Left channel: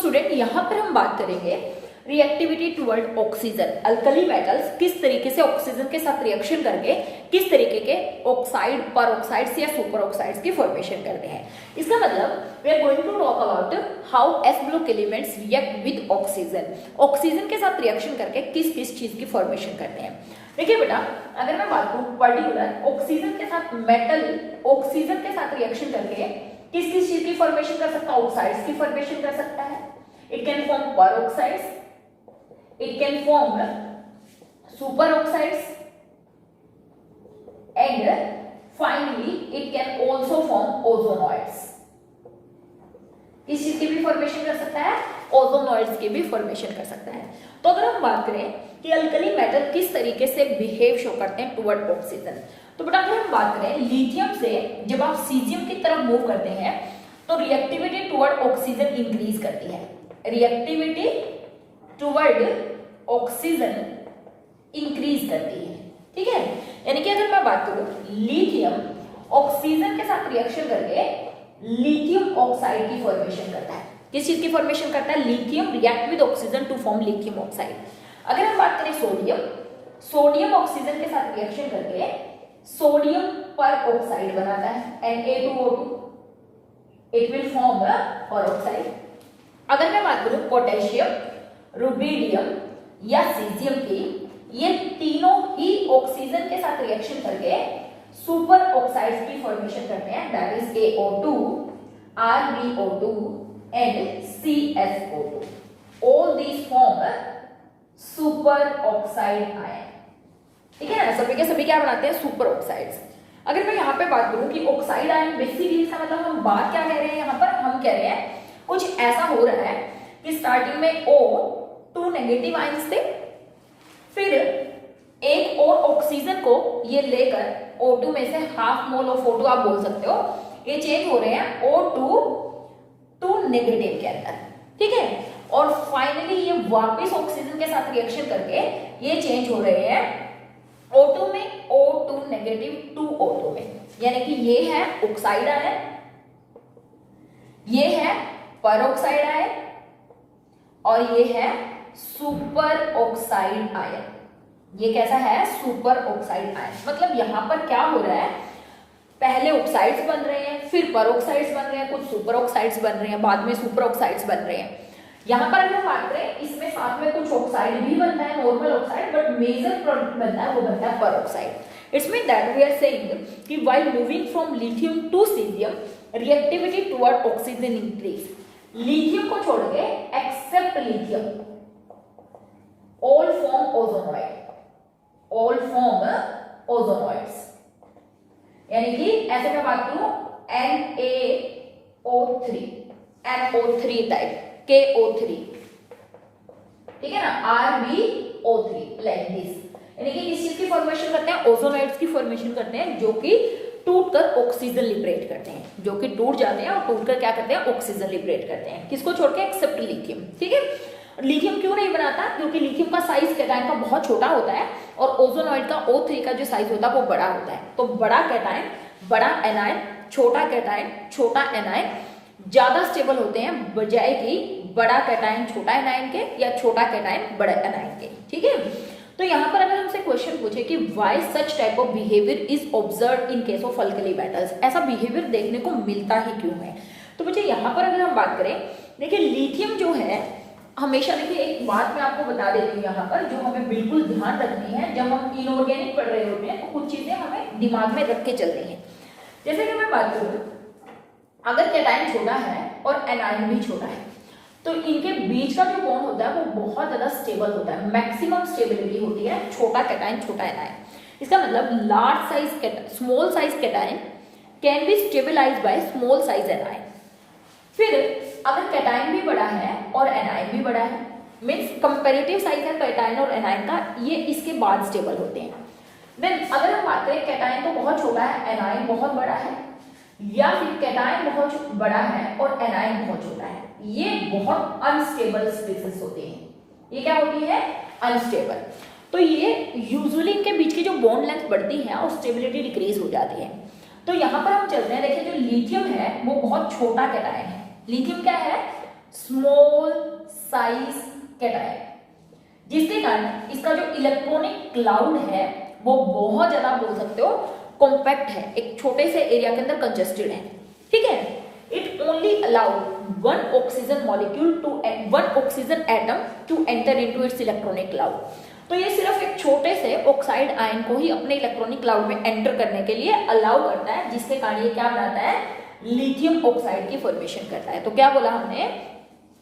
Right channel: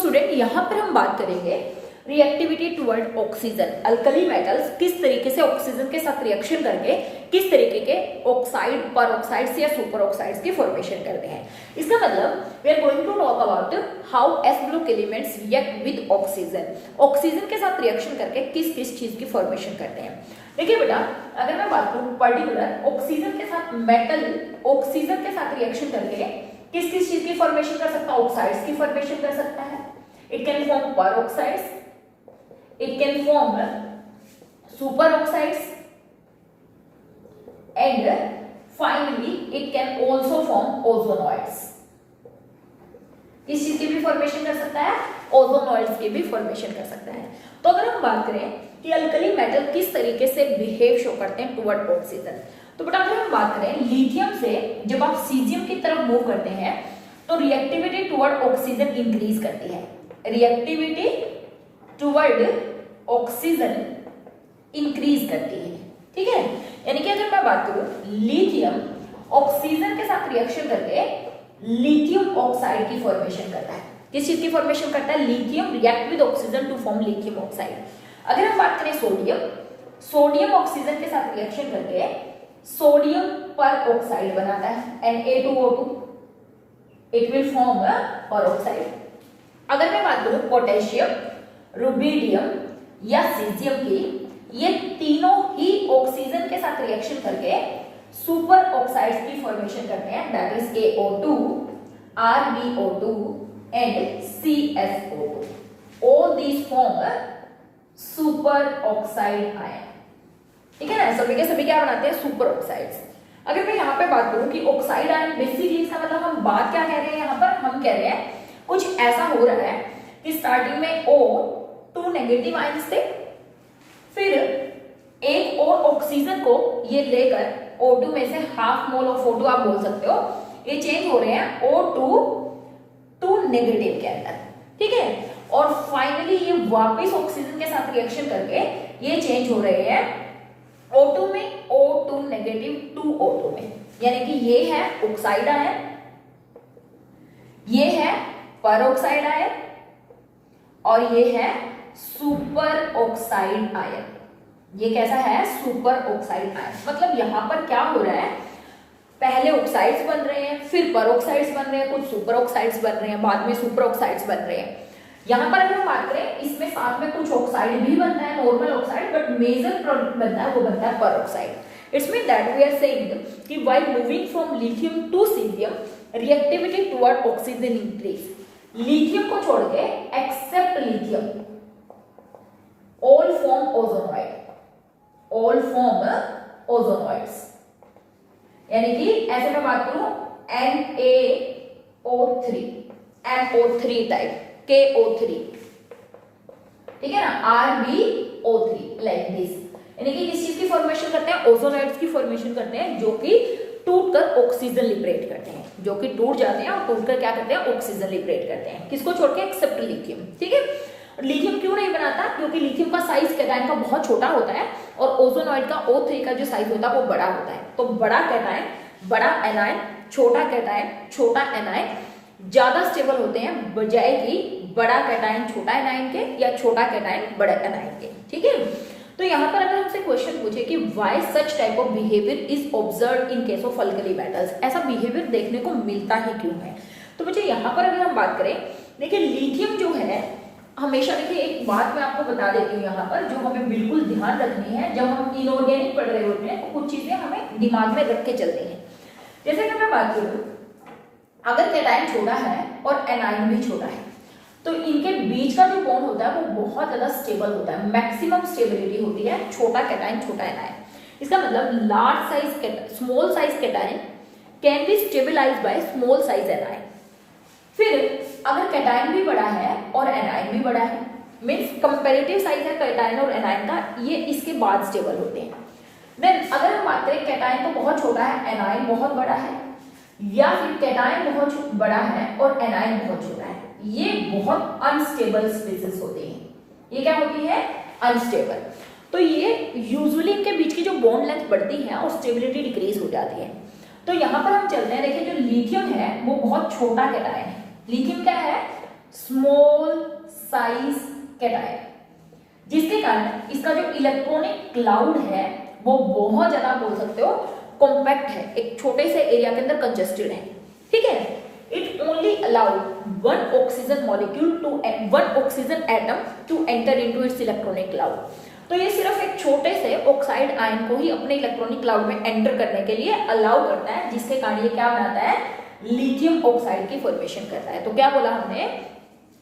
Student यहाँ पर हम बात करेंगे reactivity toward oxygen. Alkali metals किस तरीके से ऑक्सीजन के साथ रिएक्शन करके किस तरीके के ऑक्साइड, पर ऑक्साइड्स या सुपर ऑक्साइड्स की फॉर्मेशन करते हैं। इसका मतलब we are going to talk about how S group elements react with oxygen. Oxygen के साथ रिएक्शन करके किस किस चीज की फॉर्मेशन करते हैं। देखिए बेटा, अगर मैं बात करूं पर्टिकुलर ऑक्सीजन के साथ मेटल ऑक्सीजन के साथ रिएक्शन करके किस किस चीज की फॉर्मेशन कर सकता है, ऑक्साइड्स की फॉर्मेशन कर सकता है। It can form peroxides, it can form superoxides and finally it can also form ozonides. किस चीज की भी फॉर्मेशन कर सकता है, ओजोनॉइड्स की भी फॉर्मेशन कर सकता है। तो अगर हम बात करें कि अल्कली मेटल किस तरीके से बिहेव शो करते हैं टुवर्ड ऑक्सीजन, तो बेटा अगर हम बात करें लिथियम से जब आप सीजियम की तरफ मूव करते हैं तो रिएक्टिविटी टुवर्ड ऑक्सीजन इंक्रीज करती है। रिएक्टिविटी टुवर्ड ऑक्सीजन इंक्रीज करती है, ठीक है। यानी कि अगर मैं बात करूं लिथियम ऑक्सीजन के साथ रिएक्शन करके लिथियम ऑक्साइड की फॉर्मेशन करता है। किस चीज की फॉर्मेशन करता है, lithium react with oxygen to form lithium oxide. अगर हम बात करें सोडियम, सोडियम ऑक्सीजन के साथ रिएक्शन करके सोडियम पर ऑक्साइड बनाता है Na2O2, इट विल फॉर्म पर ऑक्साइड। अगर मैं बात करूं पोटेशियम, रुबिडियम या सीजियम की, ये तीनों ही ऑक्सीजन के साथ रिएक्शन करके सुपर ऑक्साइड्स की फॉर्मेशन करते हैं, that is AO2, RbO2 and CSO2. All these form super oxide ion, ठीक है ना। सभी के सभी क्या बनाते हैं, सुपर ऑक्साइड्स। अगर मैं यहाँ पे बात करूं कि ऑक्साइड आयन बेसिकली इसका मतलब हम बात क्या कह रहे हैं, यहाँ पर हम कह रहे हैं कुछ ऐसा हो रहा है कि स्टार्टिंग में O2 नेगेटिव आयन्स थे, फिर एक और ऑक्सीजन को ये लेकर O2 में से हाफ मोल ऑफ O2 आप बोल सकते हो, ये चेंज हो रहे हैं O2 नेगेटिव के अंदर, ठीक है। और फाइनली ये वापस ऑक्सीजन के साथ रिएक्शन करके ये चेंज हो रहे हैं O2 में O2 नेगेटिव टू O2 में। यानी कि ये है ऑक्साइड आयन, ये है पर ऑक्साइड आयन और ये है सुपर ऑक्साइड आयन। ये कैसा है, सुपर ऑक्साइड आयन। मतलब यहां पर क्या हो रहा है, पहले ऑक्साइड्स बन रहे हैं, फिर पर ऑक्साइड्स बन रहे हैं, कुछ सुपर ऑक्साइड्स बन रहे हैं, बाद में सुपर ऑक्साइड्स बन रहे हैं। यहां पर अगर हम बात करें इसमें साथ में कुछ ऑक्साइड भी बनता है, normal oxide, but major product बनता है वो बनता है peroxide. It's mean that we are saying कि while moving from lithium to caesium reactivity toward oxygen increase. Lithium को छोड़ के except lithium all form ozonide, all form ozonides. यानी कि ऐसे में बात करूं NaO3, NO3 टाइप, KO3, ठीक है ना, RbO3 लाइक दिस। यानी कि किस चीज की फॉर्मेशन करते हैं, ओजोनॉइड्स की फॉर्मेशन करते हैं, जो कि टूट कर ऑक्सीजन लिबरेट करते हैं, जो कि टूट जाते हैं और टूट कर क्या करते हैं, ऑक्सीजन लिबरेट करते हैं। किसको छोड़ के, एक्सेप्ट लिथियम, ठीक है। लिथियम क्यों नहीं बनाता, क्योंकि लिथियम का साइज कैटायन का बहुत छोटा होता है और ओजोनॉइड का O3 का जो साइज होता है वो बड़ा होता है। तो बड़ा कैटायन, बड़ा एनायन, छोटा कैटायन, छोटा एनायन ज्यादा स्टेबल होते हैं बजाय कि बड़ा कैटायन छोटा एनायन के या छोटा कैटायन बड़े एनायन के, ठीक है। तो यहाँ पर अगर हमसे क्वेश्चन पूछे कि why such type of behaviour is observed in case of alkali metals, ऐसा बिहेवियर देखने को मिलता ही क्यों है। तो बच्चे यहाँ पर अगर हम बात करें, देखिए लिथियम जो है हमेशा, देखिए एक बात मैं आपको बता देती हूँ यहाँ पर जो हमें बिल्कुल ध्यान रखनी है जब हम इनऑर्गेनिक पढ़ रहे होते हैं, तो कुछ चीजें हमें दिमाग में रख के चलनी है। जैसे कि मैं बात करूँ, अगर कैटायन छोटा है और एनायन भी छोटा है तो इनके बीच का जो बॉन्ड होता है वो बहुत ज्यादा स्टेबल होता है, मैक्सिमम स्टेबिलिटी होती है छोटा कैटायन छोटा एनायन। इसका मतलब large size small size cation can be stabilised by small size anion. फिर अगर कैटायन भी बड़ा है और एनायन भी बड़ा है, मीन्स कंपेरेटिव साइज है कैटायन और एनायन का, ये इसके बाद स्टेबल होते हैं। देन अगर हम बात करें कैटायन तो बहुत छोटा है, एनायन बहुत बड़ा है, या फिर कैटायन बहुत बड़ा है और एनायन बहुत छोटा है, ये बहुत अनस्टेबल स्पीसीज होते हैं। ये क्या होती है, अनस्टेबल। तो ये यूजुअली इनके बीच की जो बॉन्ड लेंथ बढ़ती है और स्टेबिलिटी डिक्रीज हो जाती है। तो यहाँ पर हम चलते हैं, देखिए जो लिथियम है वो बहुत छोटा कैटायन है। लिथियम क्या है, स्मॉल साइज कैटायन, जिसके कारण इसका जो इलेक्ट्रॉनिक क्लाउड है वो बहुत ज्यादा बोल सकते हो कॉम्पैक्ट है, एक छोटे से एरिया के अंदर कंजेस्टेड है, ठीक है। It only allowed one oxygen molecule to one oxygen atom to enter into its electronic cloud. तो ये सिर्फ एक छोटे से ऑक्साइड आयन को ही अपने इलेक्ट्रॉनिक क्लाउड में एंटर करने के लिए अलाउ करता है, जिसके कारण ये क्या बनाता है, लिथियम ऑक्साइड की फॉर्मेशन करता है। तो क्या बोला हमने,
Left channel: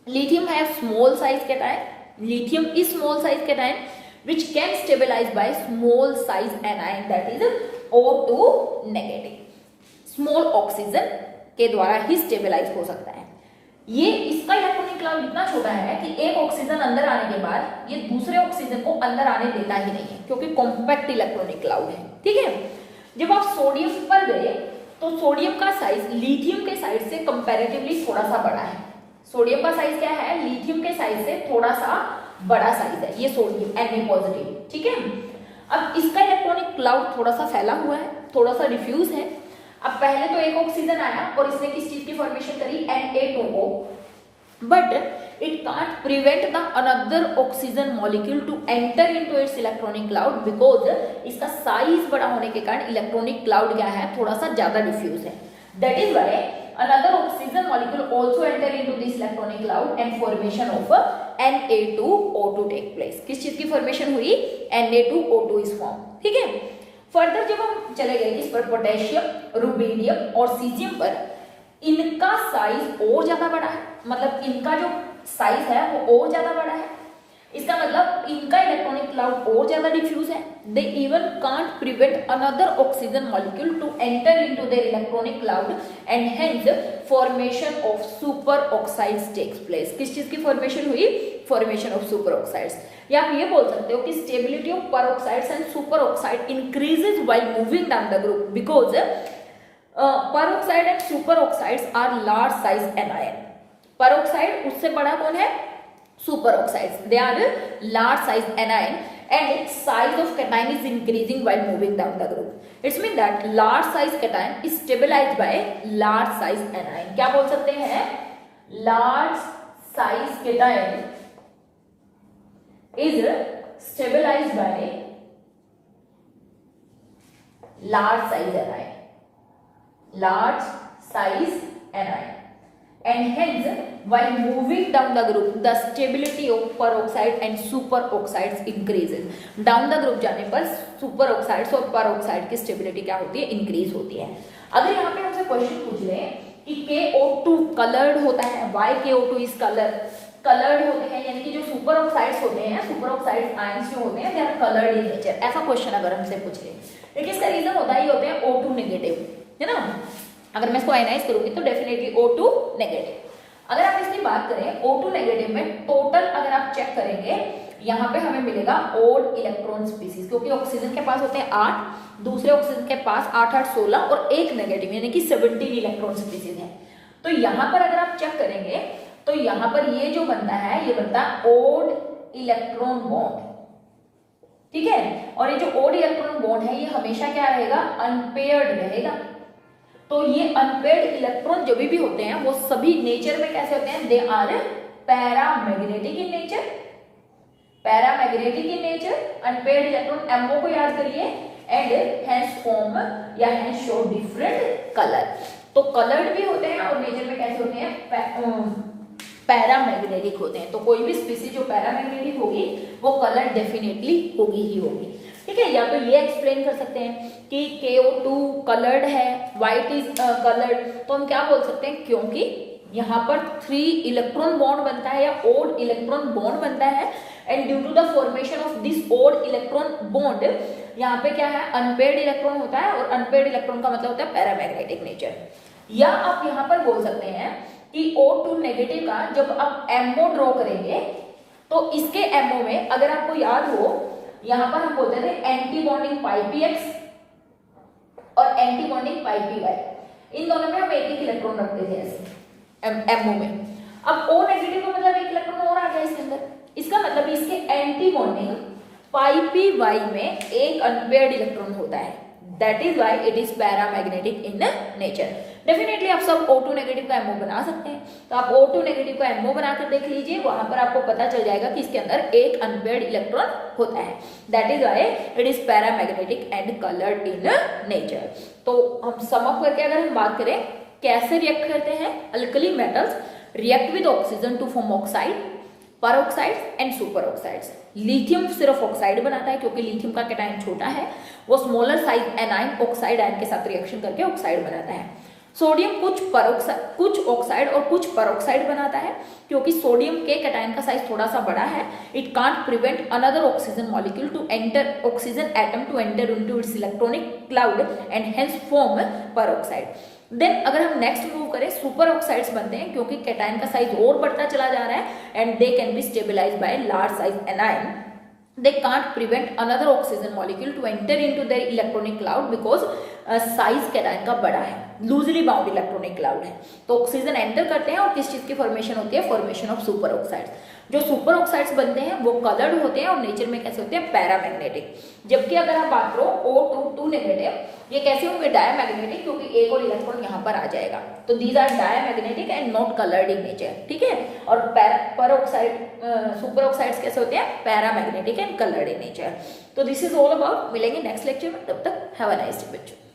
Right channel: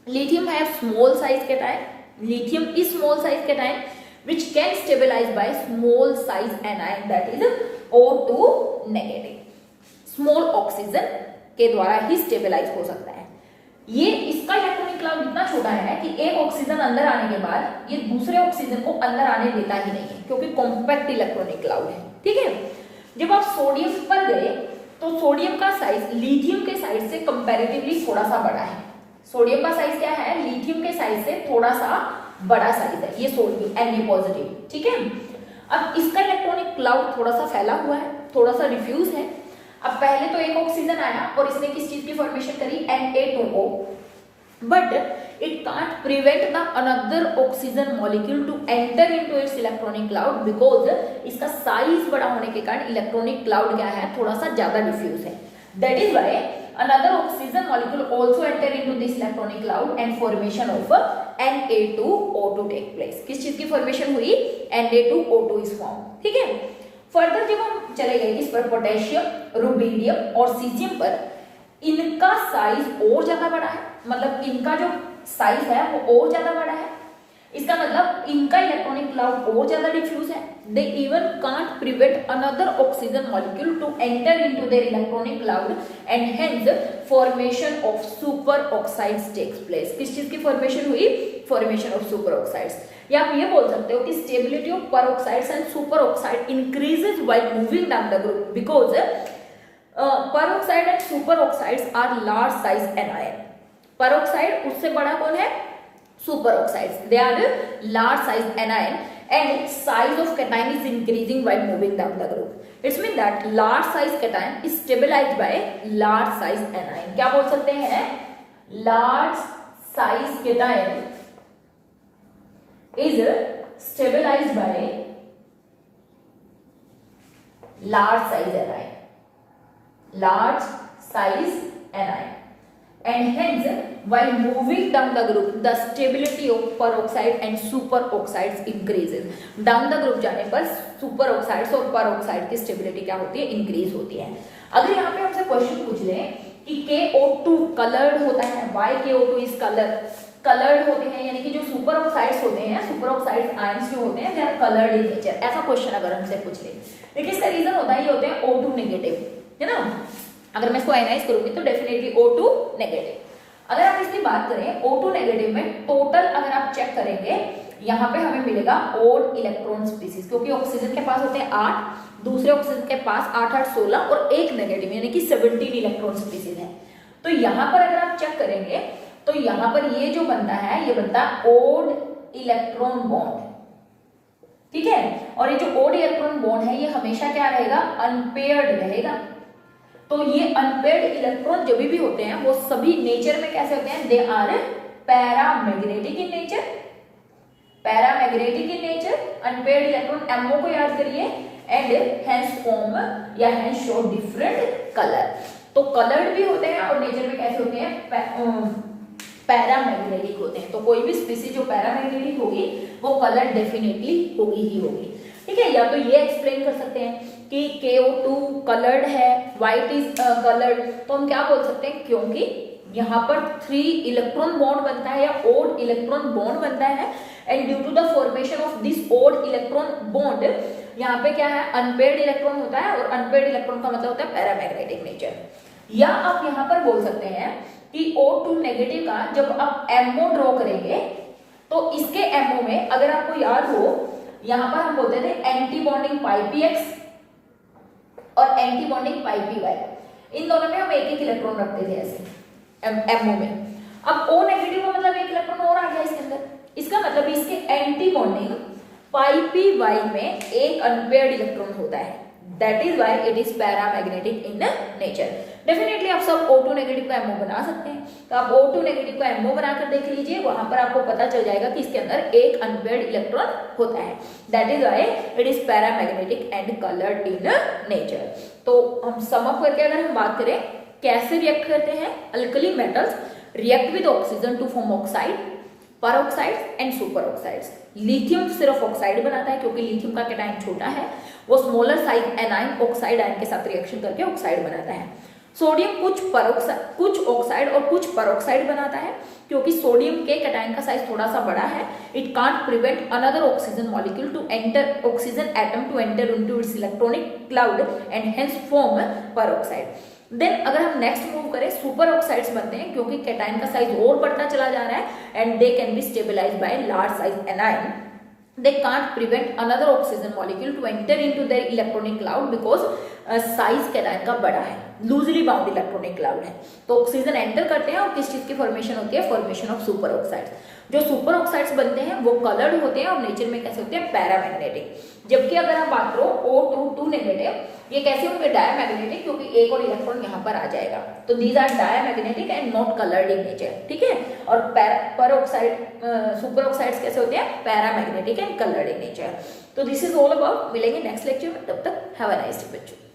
लिथियम है small size cation, lithium is small size cation which can stabilize by small size anion that is O2 negative, small oxygen के द्वारा ही स्टेबलाइज हो सकता है। ये इसका इलेक्ट्रॉनिक क्लाउड इतना छोटा है कि एक ऑक्सीजन अंदर आने के बाद ये दूसरे ऑक्सीजन को अंदर आने देता ही नहीं है, क्योंकि कॉम्पैक्ट इलेक्ट्रॉनिक क्लाउड है, ठीक है। जब आप सोडियम पर गए तो सोडियम का साइज लिथियम के साइज से कंपैरेटिवली थोड़ा सा बड़ा है। सोडियम का साइज क्या है, लिथियम के साइज से थोड़ा सा बड़ा साइज है ये सोडियम Na पॉजिटिव, ठीक है। अब इसका इलेक्ट्रॉनिक क्लाउड थोड़ा सा फैला हुआ है, थोड़ा सा डिफ्यूज है। अब पहले तो एक ऑक्सीजन आया और इसने किस चीज की फॉर्मेशन करी, Na2O, but it can't prevent the another oxygen molecule to enter into its electronic cloud because इसका साइज बड़ा होने के कारण इलेक्ट्रॉनिक क्लाउड क्या है, थोड़ा सा ज्यादा डिफ्यूज है। That is why another oxygen molecule also enter into this electronic cloud and formation of Na2O2 take place। किस चीज की फॉर्मेशन हुई, Na2O2 is formed, ठीक है। फर्दर जब हम चले गए इस पर पोटेशियम, रुबीडियम और सीजियम पर, इनका साइज और ज्यादा बड़ा है, मतलब इनका जो साइज है वो और ज्यादा बड़ा है। इसका मतलब इनका इलेक्ट्रॉनिक क्लाउड और ज्यादा डिफ्यूज है। They even can't prevent another oxygen molecule to enter into their electronic cloud and hence formation of super oxides takes place. किस चीज की फॉर्मेशन हुई, फॉर्मेशन ऑफ सुपर ऑक्साइड्स। या आप ये बोल सकते हो कि stability of peroxides and superoxide increases while moving down the group because peroxide and superoxides are large size anion। peroxide उससे बड़ा कौन है, superoxides, they are large size anion and its size of cation is increasing while moving down the group। It means that large size cation is stabilized by large size anion। क्या बोल सकते हैं, large size cation is stabilized by large size anion, large size anion and hence while moving down the group the stability of peroxide and superoxides increases। down the group जाने पर superoxides और peroxide की stability क्या होती है, increase होती है। अगर यहाँ पे हमसे क्वेश्चन पूछ ले कि KO2 कलर्ड होता है, why KO2 is कलर्ड होते हैं, यानी कि जो सुपर ऑक्साइड्स होते हैं, सुपर ऑक्साइड आयंस जो होते हैं they are coloured in nature, ऐसा क्वेश्चन अगर हमसे पूछ ले। देखिए इसका रीजन होता है, ये होते हैं O2 नेगेटिव, है ना। अगर मैं इसको आयनाइज करूंगी तो डेफिनेटली O2 नेगेटिव। अगर आप इसकी बात करें O2 नेगेटिव में टोटल अगर आप चेक करेंगे यहाँ पे हमें मिलेगा ओड इलेक्ट्रॉन स्पीसीज, क्योंकि ऑक्सीजन के पास होते हैं 8, दूसरे ऑक्सीजन के पास 8 8 16 और एक नेगेटिव यानी कि 17 इलेक्ट्रॉन स्पीसीज है। तो यहाँ पर अगर आप चेक करेंगे तो यहाँ पर ये जो बनता है ये बनता है ओड इलेक्ट्रॉन बॉन्ड, ठीक है। और ये जो ओड इलेक्ट्रॉन बॉन्ड है ये हमेशा क्या रहेगा, अनपेयर्ड रहेगा। तो ये अनपेयर्ड इलेक्ट्रॉन जो भी होते हैं वो सभी नेचर में कैसे होते हैं, they are paramagnetic in nature, paramagnetic in nature. Unpaired electron MO को याद करिए एंड हैंस फॉर्म या हैंस शो डिफरेंट कलर। तो कलर्ड भी होते हैं और नेचर में कैसे होते हैं, पैरामैग्नेटिक होते हैं। तो कोई भी स्पीसीज जो पैरामैग्नेटिक होगी वो कलर डेफिनेटली होगी ही होगी, ठीक है। या तो ये एक्सप्लेन कर सकते हैं कि KO2 कलर्ड है, व्हाइट इज कलर्ड, तो हम क्या बोल सकते हैं, क्योंकि यहाँ पर 3 इलेक्ट्रॉन बॉन्ड बनता है या ओड इलेक्ट्रॉन बॉन्ड बनता है and due to the formation of this odd electron bond यहाँ पे क्या है, अनपेयर्ड इलेक्ट्रॉन होता है और अनपेयर्ड इलेक्ट्रॉन का मतलब होता है पैरामैग्नेटिक नेचर। या आप यहाँ पर बोल सकते हैं कि O2 नेगेटिव का जब आप MO ड्रॉ करेंगे तो इसके MO में अगर आपको याद हो यहां पर हम बोलते थे एंटी बॉन्डिंग पाई PX और एंटी बॉन्डिंग पाई PY, इन दोनों में हम एक एक इलेक्ट्रॉन रखते थे ऐसे MO में। अब O नेगेटिव का मतलब एक इलेक्ट्रॉन और आ गया इसके अंदर, इसका मतलब इसके एंटी बॉन्डिंग पाई PY में एक अनपेयर्ड इलेक्ट्रॉन होता है, that is why it is paramagnetic in nature. Definitely आप सब O2 नेगेटिव का MO बना सकते हैं, तो आप O2 नेगेटिव का MO बनाकर देख लीजिए, वहां पर आपको पता चल जाएगा कि इसके अंदर एक अनपेयर्ड इलेक्ट्रॉन होता है। That is why it is paramagnetic and coloured in nature. तो हम सम अप करके अगर हम बात करें कैसे रिएक्ट करते हैं, alkali metals react with oxygen to form oxide, peroxides and superoxides. Lithium सिर्फ ऑक्साइड बनाता है क्योंकि लिथियम का कैटायन छोटा है, वो smaller size anion oxide ion के साथ रिएक्शन करके ऑक्साइड बनाता है। सोडियम कुछ ऑक्साइड और कुछ परऑक्साइड बनाता है क्योंकि सोडियम के कैटायन का साइज थोड़ा सा बड़ा है। It can't prevent another oxygen molecule to enter oxygen atom to enter into its electronic cloud and hence form peroxide. Then अगर हम नेक्स्ट मूव करें, सुपर ऑक्साइड्स बनते हैं क्योंकि कैटायन का साइज और बढ़ता चला जा रहा है and they can be stabilised by large size anion. They can't prevent another oxygen molecule to enter into their electronic cloud because size cation का बड़ा है, लूजली बाउंड इलेक्ट्रॉनिक क्लाउड है। तो ऑक्सीजन एंटर करते हैं और किस चीज की फॉर्मेशन होती है, फॉर्मेशन ऑफ सुपर ऑक्साइड्स। जो सुपर ऑक्साइड्स बनते हैं वो कलर्ड होते हैं और नेचर में कैसे होते हैं, पैरामैग्नेटिक। जबकि अगर आप बात करो O2 नेगेटिव, ये कैसे होंगे, डायमैग्नेटिक, क्योंकि एक और इलेक्ट्रॉन यहाँ पर आ जाएगा। तो these are diamagnetic and not coloured in nature, ठीक है। और सुपर ऑक्साइड्स कैसे होते हैं, paramagnetic and coloured in nature. तो दिस इज ऑल अबाउट, मिलेंगे नेक्स्ट लेक्चर में, तब तक हैव अ नाइस डे बच्चों।